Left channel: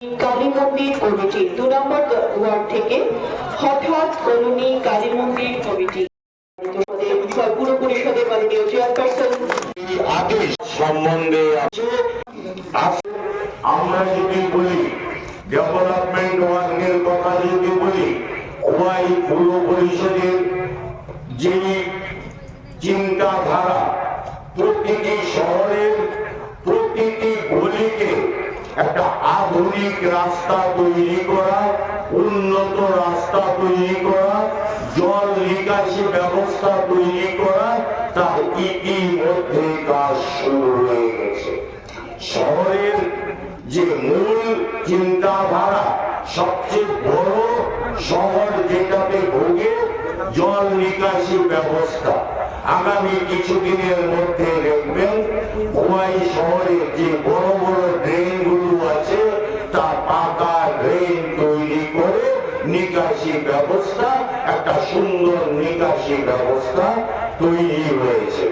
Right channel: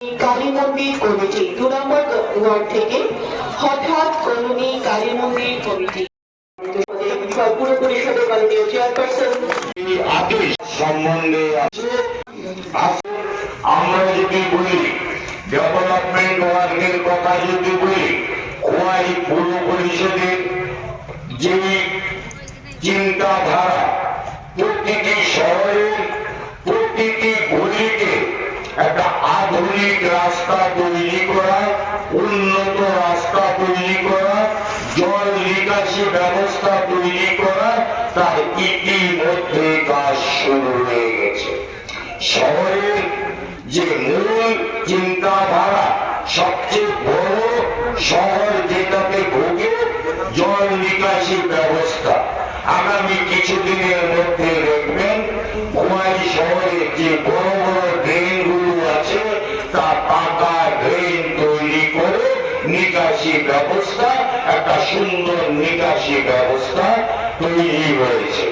কালী মন্দির কমিটি 2 নম্বর ওয়ার্ড থেকে হঠাৎ কলোনি কালী মন্দির কমিটি পুরো পরিষদের মাননীয় চেয়ারপারসন আদেশ সম্বন্ধে আমরা যদি বলি ডেভেলপমেন্ট ওয়ার্কের কথা যদি বলি খোয়াই পুরো পরিষদের যে চিন্তাধারা প্রতিটি শহরের প্রতিটি গলিকে একটা আধুনিক রাস্তা তৈরি করা, উন্নত রাস্তা তৈরি করা, জল নিকাশি ব্যবস্থা তৈরি করা, তার ইতিমধ্যে কাজ শুরু হয়ে গেছে। শহরের যে মূল চিন্তাধারা, সবচেয়ে বড় শহর যেটাতে ভোগে জল নিকাশি ব্যবস্থা, আগামী কিছুদিনের মধ্যে দেখবেন খোয়াই শহরে যে বড় বড় ড্রেনগুলো আছে তা পাকা ড্রেন তৈরি করে নিকাশি ব্যবস্থা, একটা সুন্দর নিকাশি ব্যবস্থা তৈরি হয়েছে।